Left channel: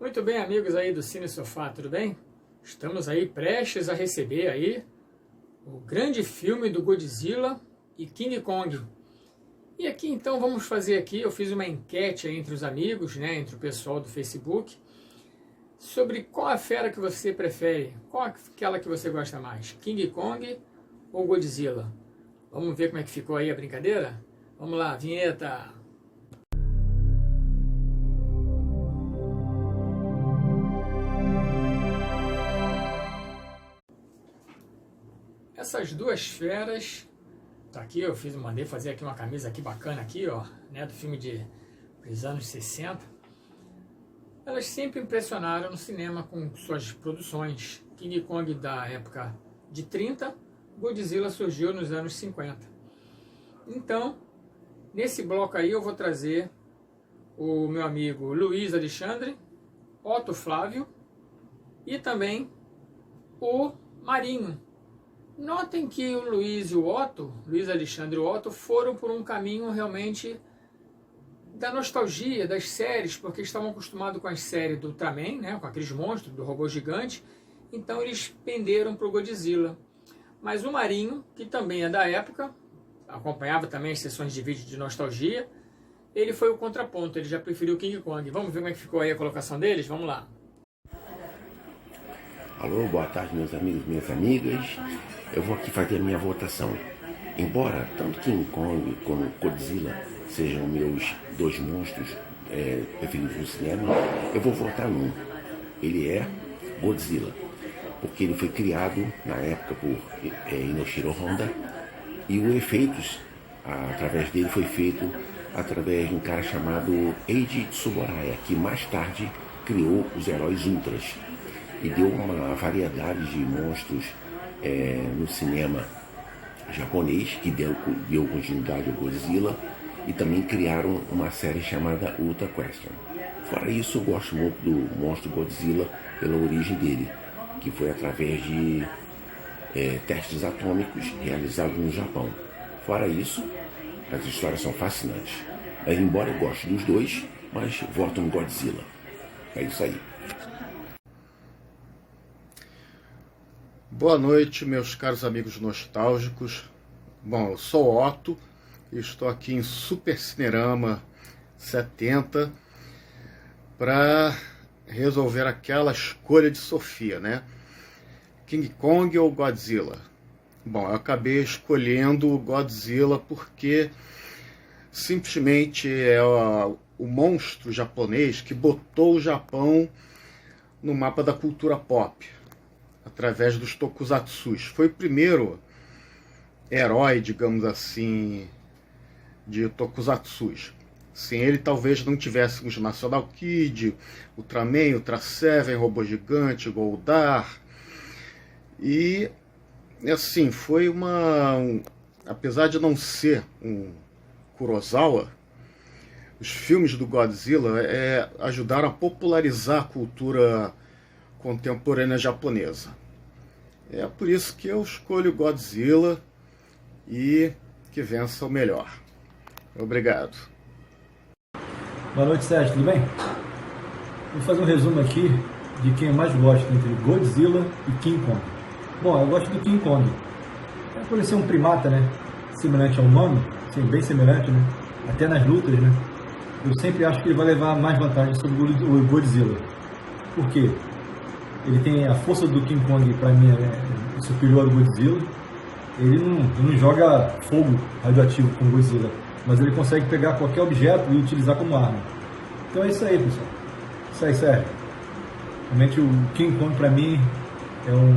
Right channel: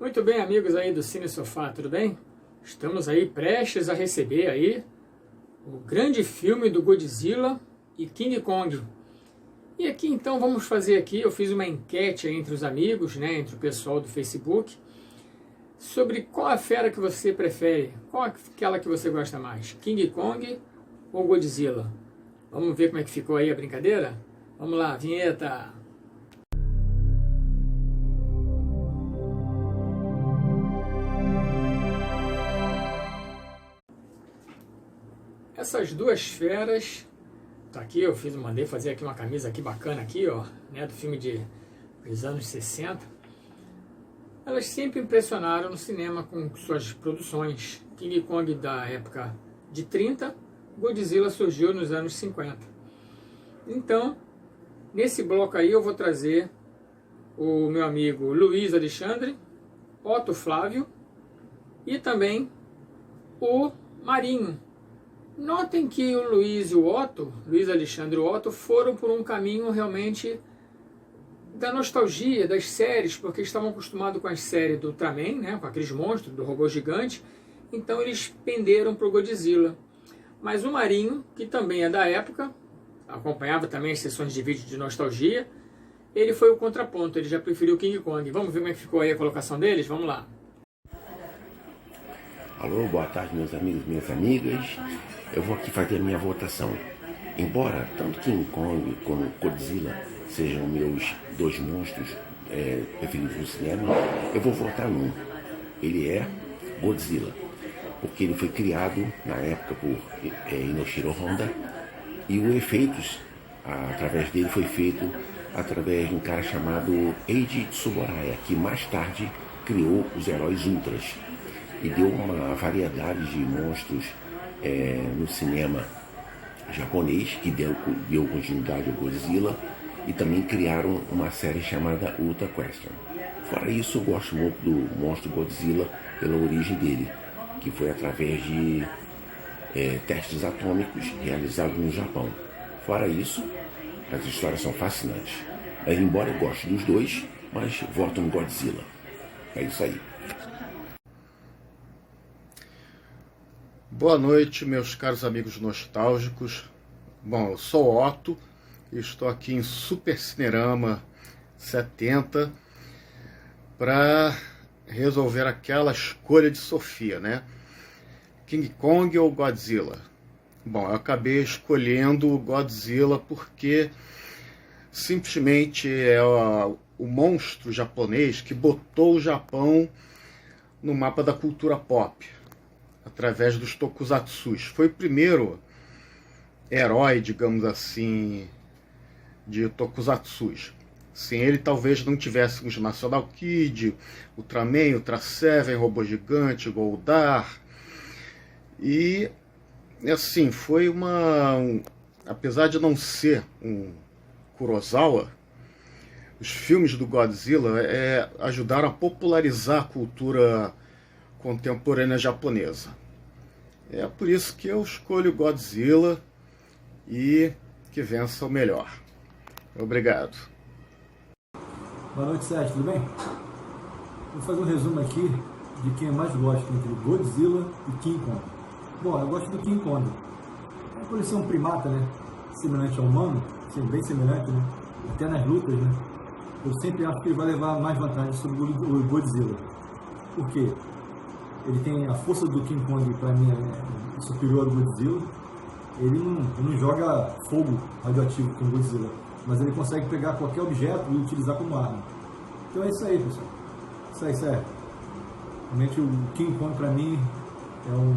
Muito bem, amigos aí do Cine Sofá, tudo bem? Estamos aí prestes a receber aí o grande filme do Godzilla e King Kong. E aqui então vamos fazer aqui, eu fiz uma enquete entre os amigos, né, entre o pessoal do Facebook, sobre qual a fera que você prefere, qual aquela que você gosta mais, King Kong ou Godzilla? Vamos ver como é que ficou aí a brincadeira? Vamos lá, vinheta! Essas duas feras, tá aqui, mandei fazer aqui uma camisa aqui bacana aqui, ó, né, do filme dos anos 60. Elas sempre impressionaram no cinema com suas produções. King Kong da época de 30, Godzilla surgiu nos anos 50. Então, nesse bloco aí eu vou trazer o meu amigo Luiz Alexandre, Otto Flávio e também o Marinho. Notem que o Luiz e o Otto, Luiz Alexandre e o Otto, foram por um caminho realmente da nostalgia das séries, porque estavam acostumados com as séries do Ultraman, né, com aqueles monstros, do robô gigante, então eles penderam para o Godzilla. Mas o Marinho, que também é da época, acompanhava também as sessões de vídeo de nostalgia, ele foi o contraponto, ele já preferiu o King Kong. Vamos ver como é que ficou aí a colocação deles? Vamos lá. Alô, boa tarde, meus amigos, minhas amigas. Eu vou aqui fazer a minha votação. Embora tanto King Kong como Godzilla sejam meus dois monstros preferidos no cinema, eu vou votar num. Ele é Godzilla, porque ele foi criado na época por Inoshiro Honda e os efeitos através dele foi feito através de um cara chamado Eiji Tsuburaya, que mais tarde criou os heróis Ultras e deu uma variedade de monstros no cinema japonês, que deu continuidade ao Godzilla, e também criaram uma série chamada Ultra Question. Fora isso, eu gosto muito do monstro Godzilla pela origem dele, que foi através de testes atômicos realizados no Japão. Fora isso, as histórias são fascinantes. Embora eu goste dos dois, mas voto no Godzilla. É isso aí. Boa noite, meus caros amigos nostálgicos. Bom, eu sou Otto e estou aqui em Super Cinerama 70 para resolver aquela escolha de Sofia, né? King Kong ou Godzilla? Bom, eu acabei escolhendo o Godzilla porque simplesmente é o monstro japonês que botou o Japão no mapa da cultura pop, através dos tokusatsus. Foi o primeiro herói, digamos assim, de tokusatsus. Sem ele, talvez não tivéssemos National Kid, Ultraman, Ultra Seven, Robô Gigante, Goldar. E, assim, foi apesar de não ser um Kurosawa, os filmes do Godzilla ajudaram a popularizar a cultura contemporânea japonesa. É por isso que eu escolho Godzilla e que vença o melhor. Obrigado. Boa noite, Sérgio, tudo bem? Vou fazer um resumo aqui de quem eu mais gosto entre Godzilla e King Kong. Bom, eu gosto do King Kong. É por ele ser um primata, né? Semelhante ao humano, sim, bem semelhante, né? Até nas lutas, né? Eu sempre acho que ele vai levar mais vantagem sobre o Godzilla. Por quê? Ele tem a força do King Kong, para mim, é superior ao Godzilla. Ele não joga fogo radioativo como o Godzilla, mas ele consegue pegar qualquer objeto e utilizar como arma. Então é isso aí, pessoal. Isso aí, sério. Realmente o King Kong, para mim, é um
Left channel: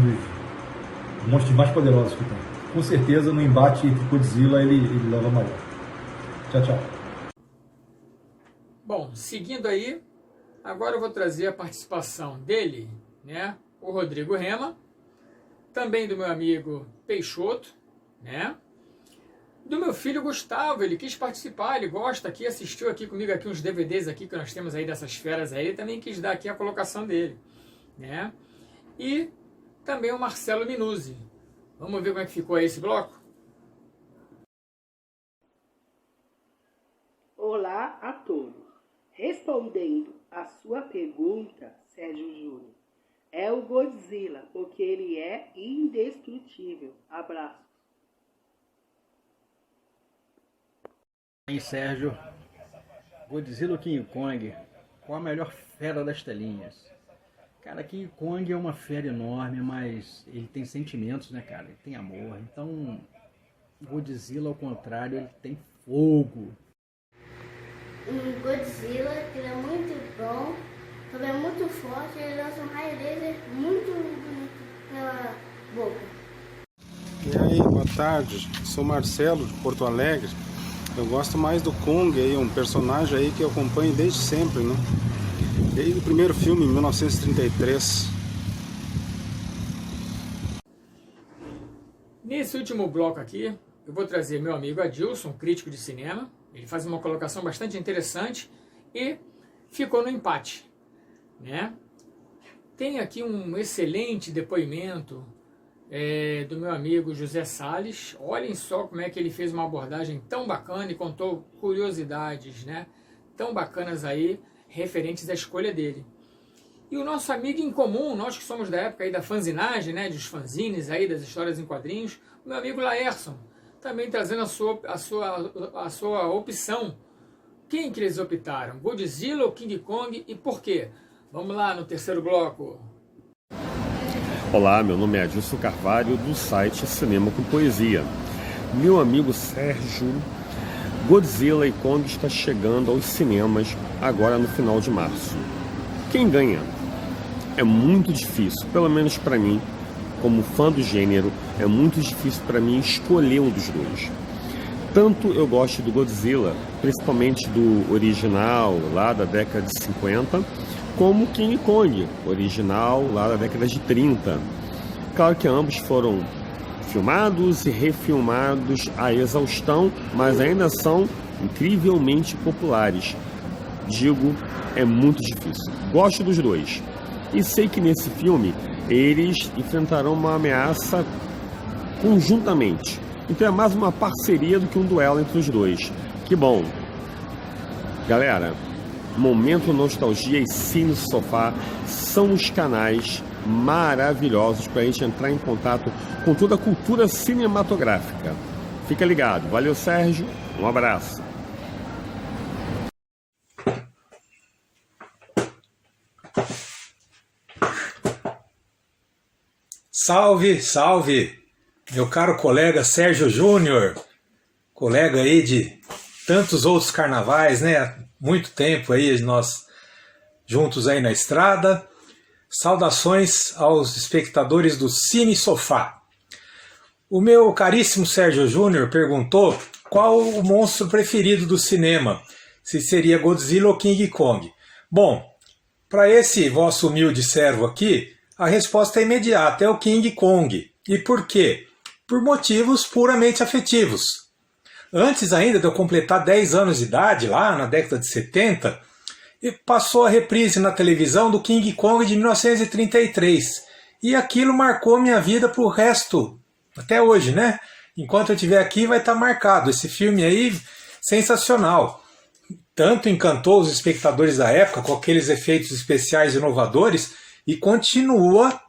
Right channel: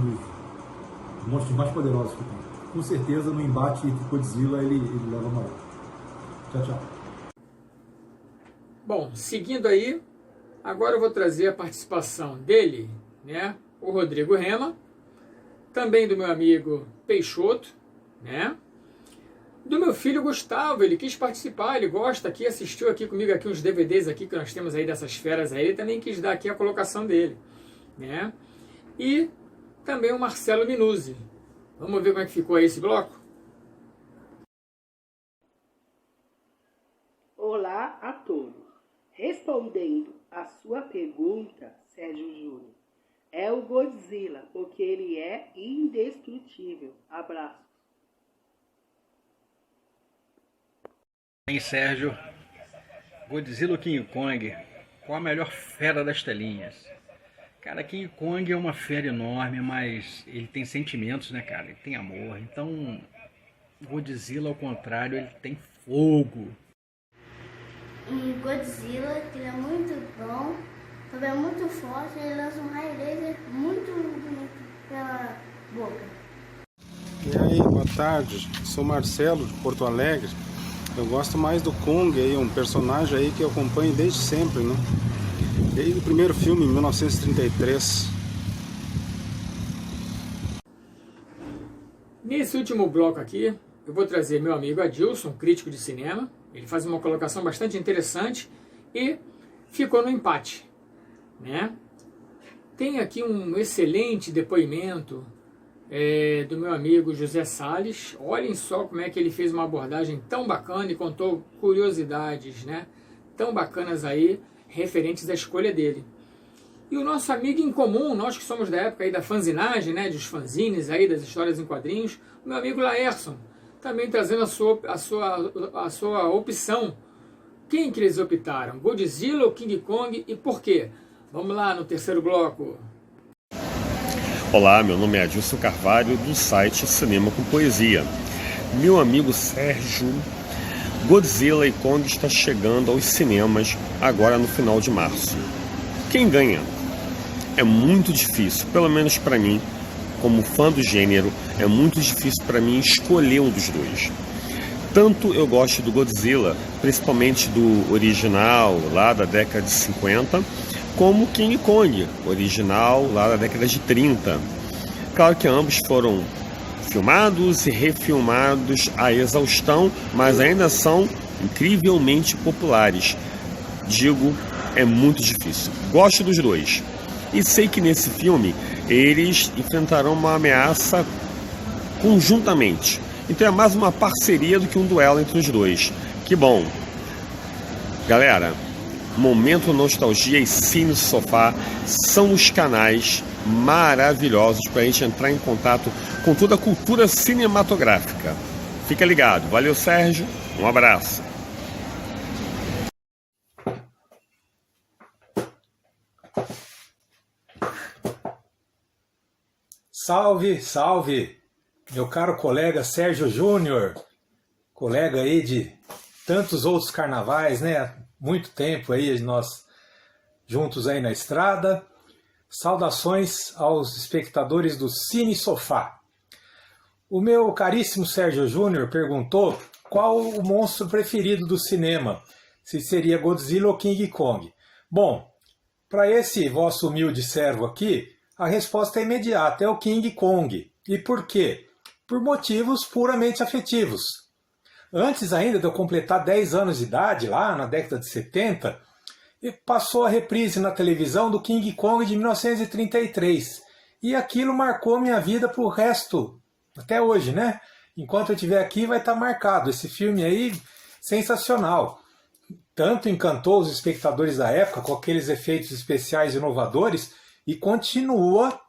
dos monstros mais poderosos que tem. Com certeza, no embate entre Godzilla, ele leva a maior. Tchau, tchau. Bom, seguindo aí, agora eu vou trazer a participação dele, né, o Rodrigo Rema, também do meu amigo Peixoto, né, do meu filho Gustavo, ele quis participar, ele gosta aqui, assistiu aqui comigo aqui uns DVDs aqui que nós temos aí dessas feras aí, ele também quis dar aqui a colocação dele, né, e também o Marcelo Minuzzi. Vamos ver como é que ficou aí esse bloco? Olá a todos. Respondendo à sua pergunta, Sérgio Júnior, é o Godzilla, porque ele é indestrutível. Abraço. Hein, Sérgio? Godzilla ou King Kong? Qual a melhor fera das telinhas? Cara, King Kong é uma fera enorme, mas ele tem sentimentos, né, cara? Ele tem amor. Então, Godzilla, ao contrário, ele tem fogo. O Godzilla, ele é muito bom, também é muito forte, ele lança um raio laser muito bonito pela boca. E aí, boa tarde, sou Marcelo de Porto Alegre. Eu gosto mais do Kong, aí, um personagem aí que eu acompanho desde sempre, né? Desde o primeiro filme, em 1933. Nesse último bloco aqui, eu vou trazer meu amigo Adilson, crítico de cinema. Ele faz uma colocação bastante interessante e ficou no empate, né? Tem aqui um excelente depoimento do meu amigo José Salles. Olhem só como é que ele fez uma abordagem tão bacana e contou curiosidades, né, tão bacanas aí, referentes à escolha dele. E o nosso amigo em comum, nós que somos da época aí da fanzinagem, né, dos fanzines aí, das histórias em quadrinhos, o meu amigo Laerson, também trazendo a sua opção. Quem que eles optaram? Godzilla ou King Kong e por quê? Vamos lá no terceiro bloco. Olá, meu nome é Adilson Carvalho, do site Cinema com Poesia. Meu amigo Sérgio, Godzilla e Kong está chegando aos cinemas agora no final de março. Quem ganha? É muito difícil, pelo menos para mim, como fã do gênero, é muito difícil para mim escolher um dos dois. Tanto eu gosto do Godzilla, principalmente do original lá da década de 50, como King Kong, original lá da década de 30. Claro que ambos foram filmados e refilmados à exaustão, mas ainda são incrivelmente populares. Digo, é muito difícil. Gosto dos dois. E sei que nesse filme eles enfrentarão uma ameaça conjuntamente. Então é mais uma parceria do que um duelo entre os dois. Que bom. Galera, Momento Nostalgia e Cine Sofá são os canais maravilhosos para a gente entrar em contato com toda a cultura cinematográfica. Fica ligado. Valeu, Sérgio. Um abraço. Salve, salve, meu caro colega Sérgio Júnior, colega aí de tantos outros carnavais, né? Muito tempo aí nós juntos aí na estrada. Saudações aos espectadores do Cine Sofá. O meu caríssimo Sérgio Júnior perguntou qual o monstro preferido do cinema, se seria Godzilla ou King Kong. Bom, para esse vosso humilde servo aqui, a resposta é imediata, é o King Kong. E por quê? Por motivos puramente afetivos. Antes ainda de eu completar 10 anos de idade, lá na década de 70, passou a reprise na televisão do King Kong de 1933. E aquilo marcou minha vida para o resto, até hoje, né? Enquanto eu estiver aqui vai estar marcado. Esse filme aí, sensacional. Tanto encantou os espectadores da época com aqueles efeitos especiais inovadores e continua,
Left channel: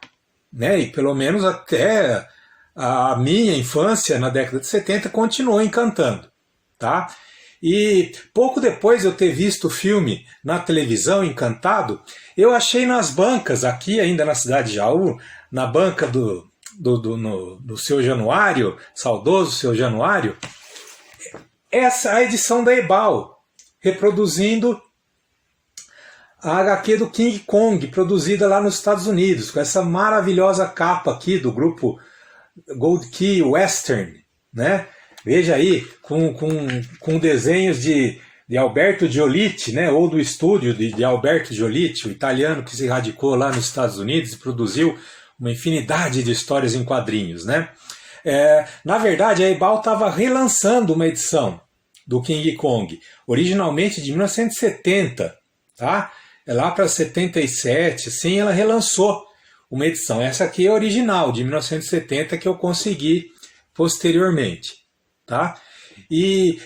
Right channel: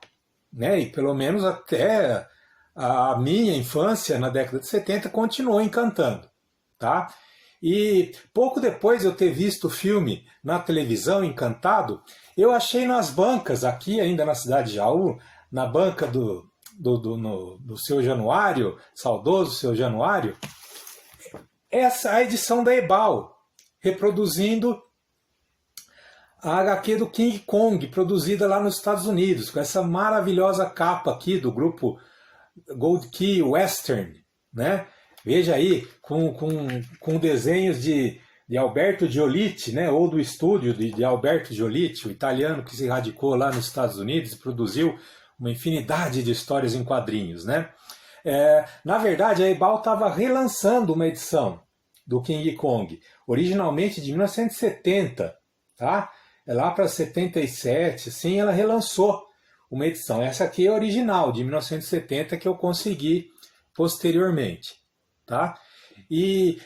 né? E pelo menos até a minha infância, na década de 70, continuou encantando, tá? E pouco depois de eu ter visto o filme na televisão, encantado, eu achei nas bancas, aqui ainda na cidade de Jaú, na banca do Seu Januário, saudoso Seu Januário, essa a edição da Ebal, reproduzindo a HQ do King Kong, produzida lá nos Estados Unidos, com essa maravilhosa capa aqui do grupo Gold Key Western, né? Veja aí, com desenhos de Alberto Giolitti, né? Ou do estúdio de Alberto Giolitti, o italiano que se radicou lá nos Estados Unidos e produziu uma infinidade de histórias em quadrinhos, né? Na verdade, a Ebal estava relançando uma edição do King Kong, originalmente de 1970, tá? Lá para 77, assim, ela relançou uma edição. Essa aqui é original, de 1970, que eu consegui posteriormente, tá? E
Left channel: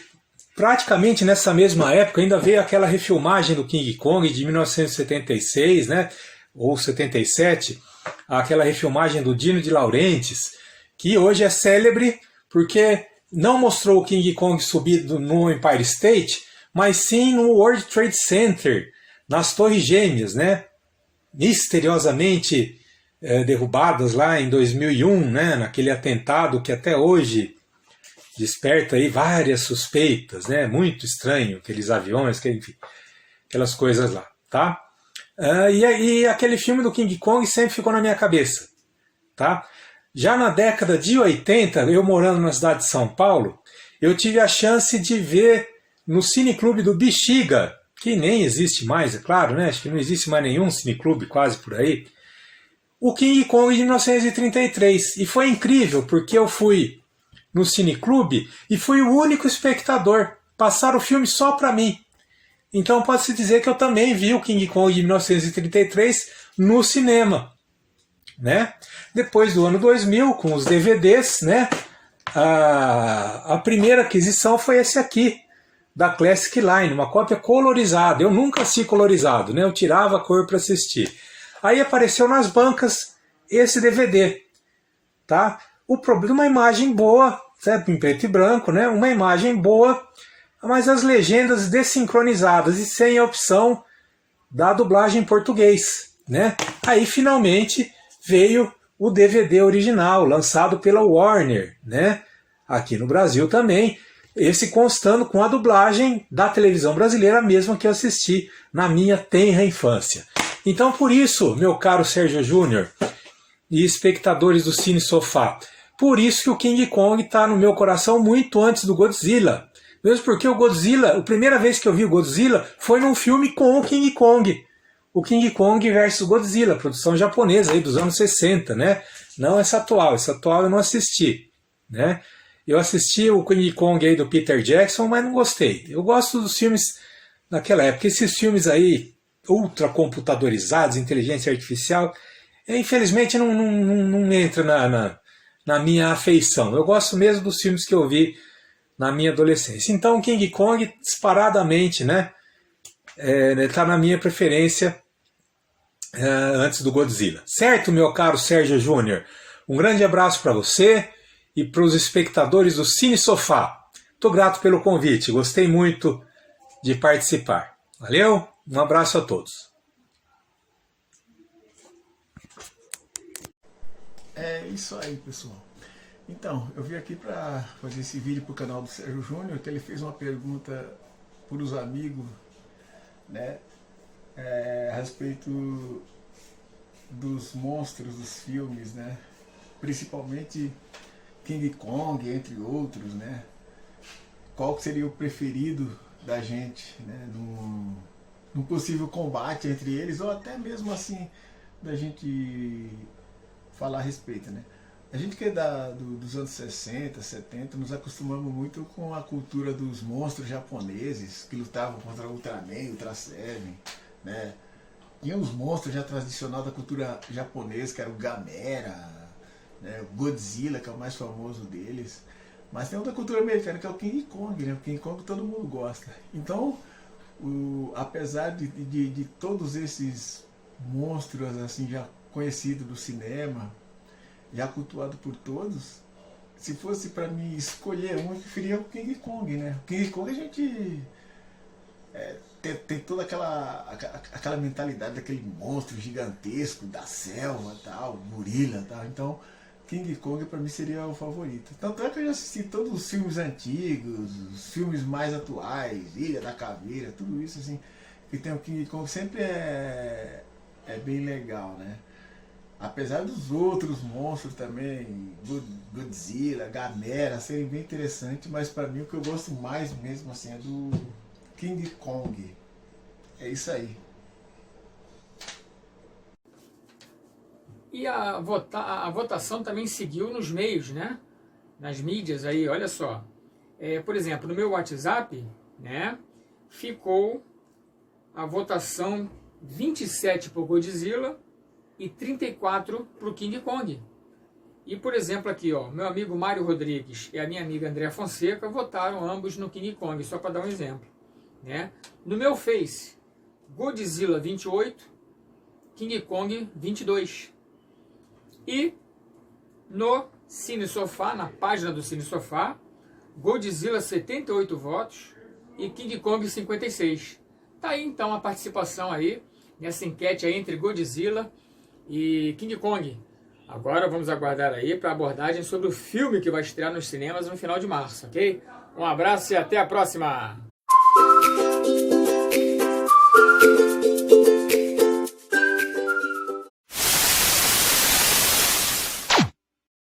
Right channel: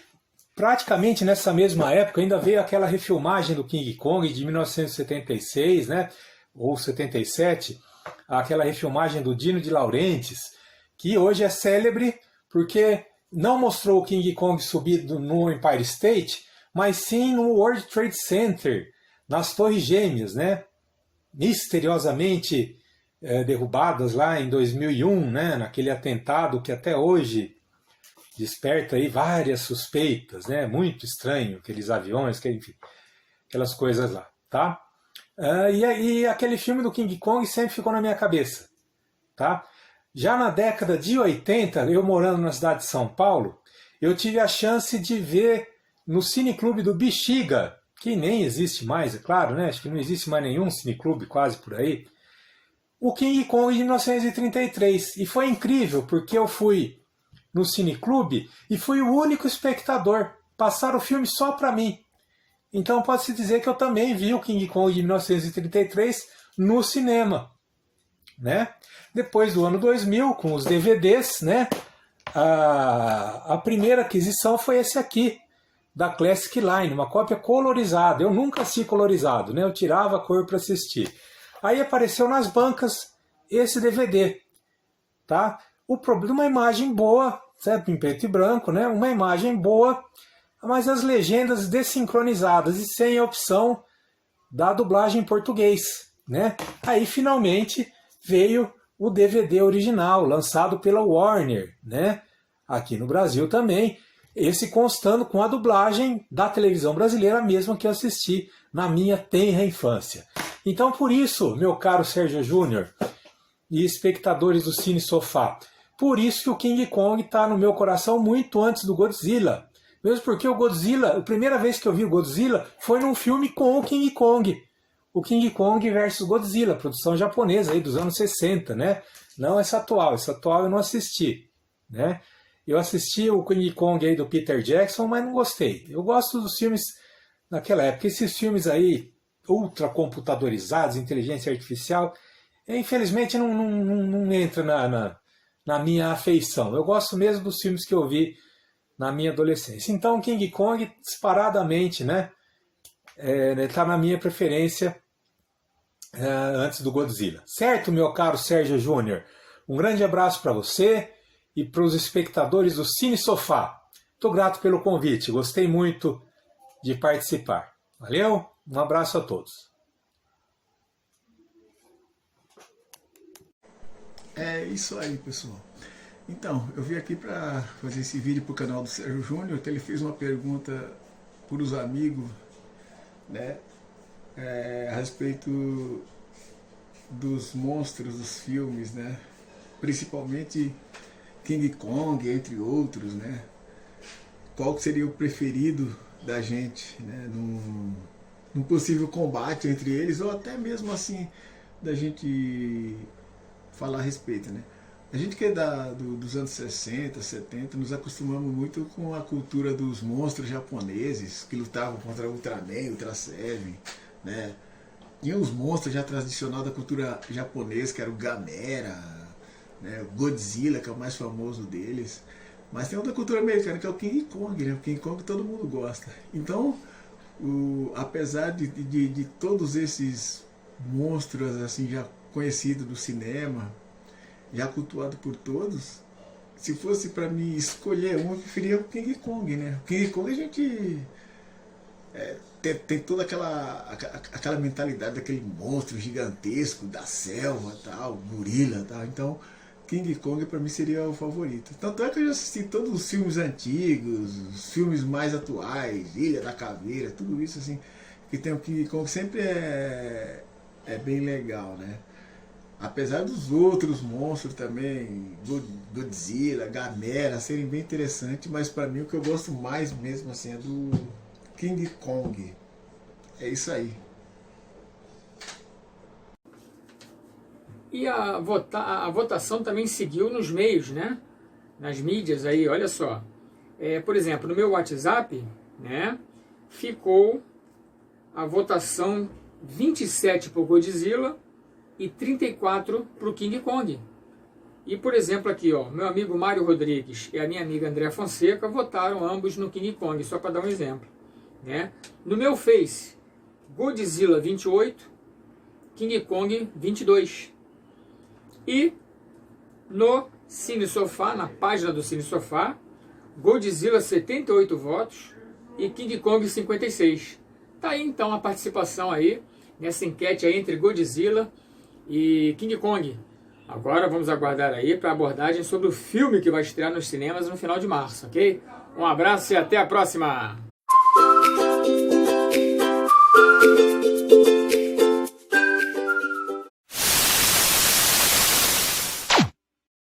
praticamente nessa mesma época ainda veio aquela refilmagem do King Kong de 1976, né? Ou 77, aquela refilmagem do Dino de Laurentiis, que hoje é célebre porque não mostrou o King Kong subido no Empire State, mas sim no World Trade Center, nas Torres Gêmeas, né? Misteriosamente derrubadas lá em 2001, né? Naquele atentado que até hoje desperta aí várias suspeitas, né? Muito estranho, aqueles aviões, enfim, aquelas coisas lá, tá? E aquele filme do King Kong sempre ficou na minha cabeça, tá? Já na década de 80, eu morando na cidade de São Paulo, eu tive a chance de ver no Cineclube do Bexiga, que nem existe mais, é claro, né? Acho que não existe mais nenhum cineclube quase por aí, o King Kong de 1933. E foi incrível, porque eu fui no Cineclube e fui o único espectador. Passaram o filme só para mim. Então pode-se dizer que eu também vi o King Kong de 1933 no cinema, né? Depois do ano 2000, com os DVDs, né? A primeira aquisição foi esse aqui, da Classic Line, uma cópia colorizada. Eu nunca assisti colorizado, né? Eu tirava a cor para assistir. Aí apareceu nas bancas esse DVD, tá? O problema, uma imagem boa, certo? Em preto e branco, né? Uma imagem boa, mas as legendas desincronizadas e sem a opção da dublagem em português, né? Aí finalmente veio o DVD original, lançado pela Warner, né? Aqui no Brasil também, esse constando com a dublagem da televisão brasileira, mesma que eu assisti na minha tenra infância. Então por isso, meu caro Sérgio Júnior e espectadores do Cine Sofá, por isso que o King Kong está no meu coração muito antes do Godzilla. Mesmo porque o Godzilla, a primeira vez que eu vi o Godzilla foi num filme com o King Kong. O King Kong versus Godzilla, produção japonesa aí dos anos 60, né? Não essa atual eu não assisti, né? Eu assisti o King Kong aí do Peter Jackson, mas não gostei. Eu gosto dos filmes daquela época. Esses filmes aí, ultra computadorizados, inteligência artificial, infelizmente não entra na minha afeição. Eu gosto mesmo dos filmes que eu vi na minha adolescência. Então King Kong, disparadamente, né? Tá na minha preferência antes do Godzilla. Certo, meu caro Sérgio Júnior? Um grande abraço para você e para os espectadores do Cine Sofá. Estou grato pelo convite, gostei muito de participar. Valeu, um abraço a todos. É isso aí, pessoal. Então, eu vim aqui para fazer esse vídeo para o canal do Sérgio Júnior, que ele fez uma pergunta para os amigos, né, a respeito dos monstros dos filmes, né, principalmente King Kong, entre outros, né? Qual seria o preferido da gente, né? Num possível combate entre eles, ou até mesmo assim da gente falar a respeito, né? A gente que é dos anos 60, 70, nos acostumamos muito com a cultura dos monstros japoneses que lutavam contra Ultraman, Ultra Seven, né? Tinha os monstros já tradicionais da cultura japonesa, que era o Gamera, né, o Godzilla, que é o mais famoso deles, mas tem outra cultura americana que é o King Kong, né? O King Kong todo mundo gosta. Então, apesar de todos esses monstros assim já conhecidos do cinema, já cultuado por todos, se fosse para mim escolher um, eu preferia o King Kong, né? O King Kong a gente tem toda aquela mentalidade daquele monstro gigantesco da selva, tal, gorila, tal. Então King Kong para mim seria o favorito. Tanto é que eu já assisti todos os filmes antigos, os filmes mais atuais, Ilha da Caveira, tudo isso assim, que tem o King Kong, sempre é bem legal, né? Apesar dos outros monstros também, Godzilla, Gamera, serem bem interessantes, mas para mim o que eu gosto mais mesmo assim é do King Kong. É isso aí. E a votação também seguiu nos meios, né? Nas mídias aí, olha só. Por exemplo, no meu WhatsApp, né? Ficou a votação 27 para o Godzilla e 34 para o King Kong. E, por exemplo, aqui, ó, meu amigo Mário Rodrigues e a minha amiga Andréa Fonseca votaram ambos no King Kong, só para dar um exemplo, né? No meu Face, Godzilla 28, King Kong 22. E no Cine Sofá, na página do Cine Sofá, Godzilla 78 votos e King Kong 56. Tá aí então a participação aí nessa enquete aí entre Godzilla e King Kong. Agora vamos aguardar aí para a abordagem sobre o filme que vai estrear nos cinemas no final de março, ok? Um abraço e até a próxima!